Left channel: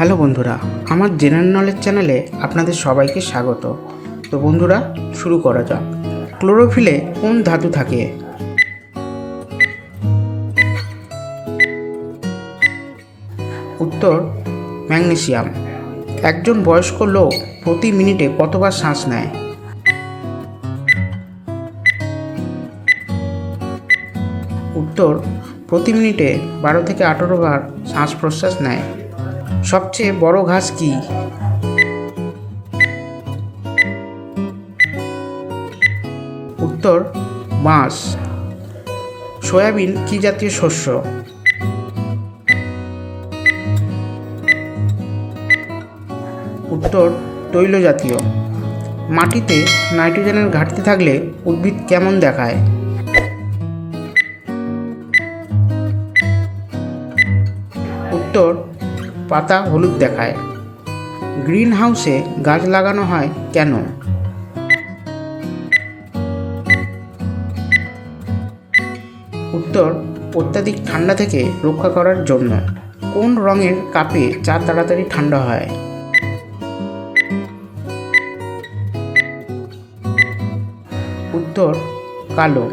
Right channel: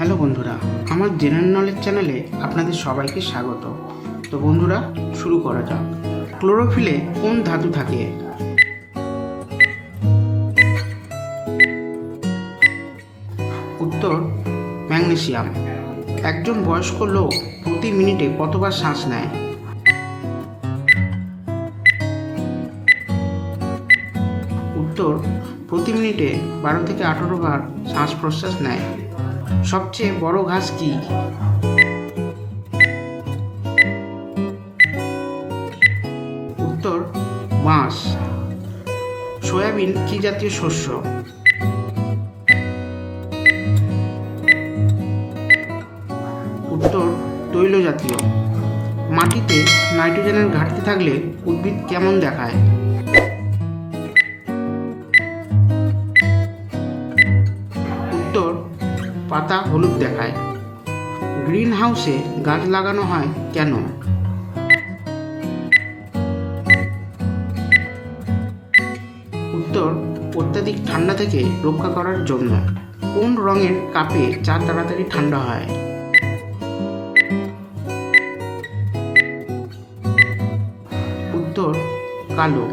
Hello বন্ধুরা, আমার general knowledge চ্যানেলে আপনাদের সবাইকে স্বাগত। তো বন্ধুরা, শুরু করা যাক। ক্লোরোফিলে কোন ধাতু থাকে? উত্তর, ম্যাগনেসিয়াম। একজন বয়স্ক লোক প্রতি মিনিটে কতবার শ্বাস নেয়? উত্তর, প্রতি মিনিটে বারো থেকে আঠারো বার শ্বাস প্রশ্বাস নেয়। সবচেয়ে বড় ঘাস কি? উত্তর বাঁশ সয়াবিন কি জাতীয় শস্য? উত্তর, তৈল জাতীয়। মাটিতে নাইট্রোজেনের ঘাটতি থাকলে উদ্ভিদ কেমন দেখায়? উত্তর পাতা হলুদ দেখায়। গ্রিন হাউসে গাছ লাগানো হয় কেন? উত্তর, অত্যাধিক ঠান্ডা থেকে রক্ষা করার জন্য। কোন রঙের কাপে চা তাড়াতাড়ি ঠান্ডা হয়? উত্তর, কালো।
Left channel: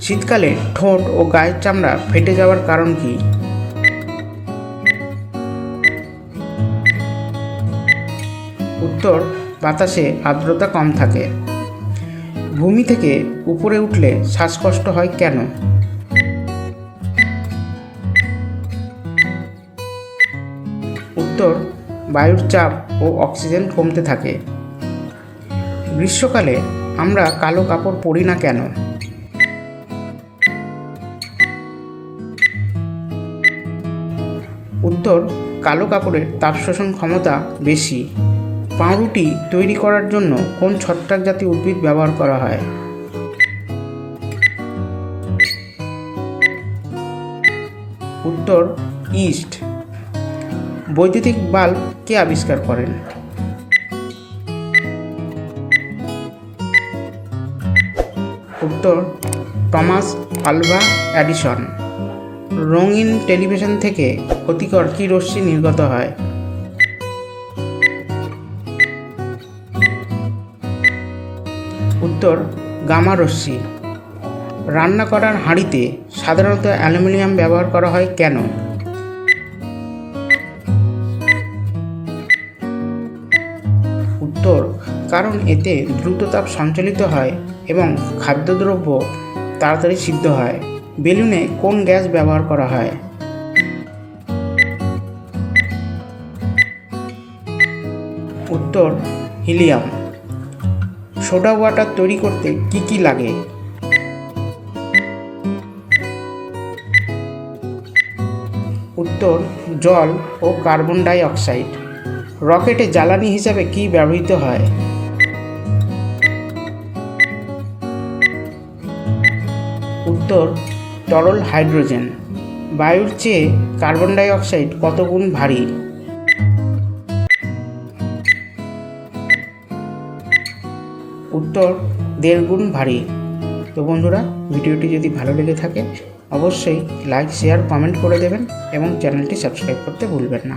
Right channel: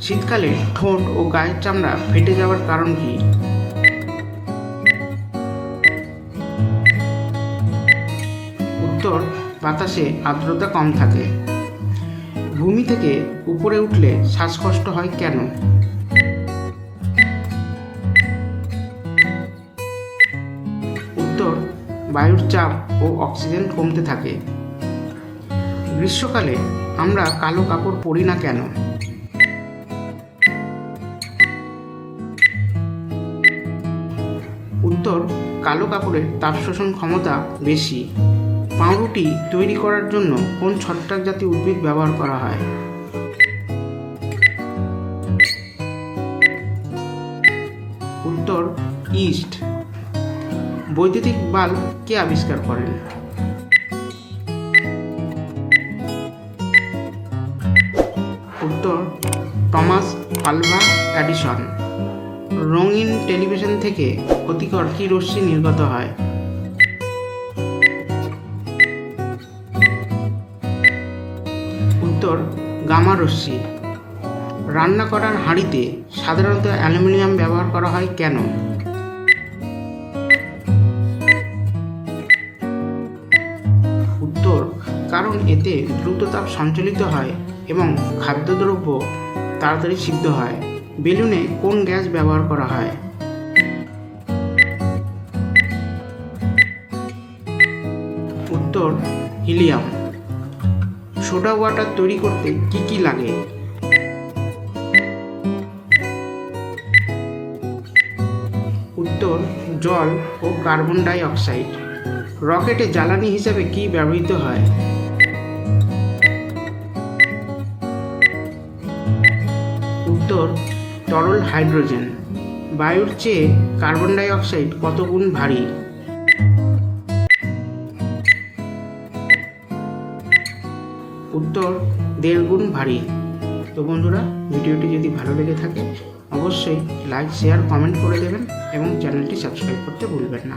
শীতকালে ঠোঁট ও গায়ের চামড়া ফেটে যাওয়ার কারণ কি? উত্তর বাতাসে আর্দ্রতা কম থাকে। ভূমি থেকে উপরে উঠলে শ্বাসকষ্ট হয় কেন? উত্তর, বায়ুর চাপ ও অক্সিজেন কমতে থাকে। গ্রীষ্মকালে আমরা কালো কাপড় পরি না কেন? উত্তর, কালো কাপড়ের তাপ শোষণ ক্ষমতা বেশি। পাউরুটি তৈরি করার জন্য কোন ছত্রাক জাতীয় উদ্ভিদ ব্যবহার করা হয়? উত্তর, ইস্ট। বৈদ্যুতিক বাল্ব কে আবিষ্কার করেন? উত্তর, টমাস আলভা অ্যাডিসন। রঙিন টেলিভিশন থেকে ক্ষতিকর কী রশ্মি নির্গত হয়? উত্তর গামা রশ্মি রান্না করার হাঁড়িতে সাধারণত অ্যালুমিনিয়াম ব্যবহার করা হয় কেন? উত্তর, কারণ এতে দ্রুত তাপ সঞ্চালিত হয় এবং খাদ্যদ্রব্য তাড়াতাড়ি সিদ্ধ হয়। বেলুনে কোন গ্যাস ব্যবহার করা হয়? উত্তর, হিলিয়াম। সোডা ওয়াটার তৈরি করতে কি কি লাগে? উত্তর, জল ও কার্বন ডাই অক্সাইড রকেটে জ্বালানি হিসেবে কি ব্যবহৃত হয়? উত্তর, তরল হাইড্রোজেন। বায়ুর চেয়ে কার্বন ডাই অক্সাইড কত গুণ ভারী? উত্তর দেড় গুণ ভারী। তো বন্ধুরা, ভিডিওটি যদি ভালো লেগে থাকে, অবশ্যই লাইক শেয়ার কমেন্ট করে দেবেন এবং চ্যানেলটি সাবস্ক্রাইব করতে ভুলবেন না।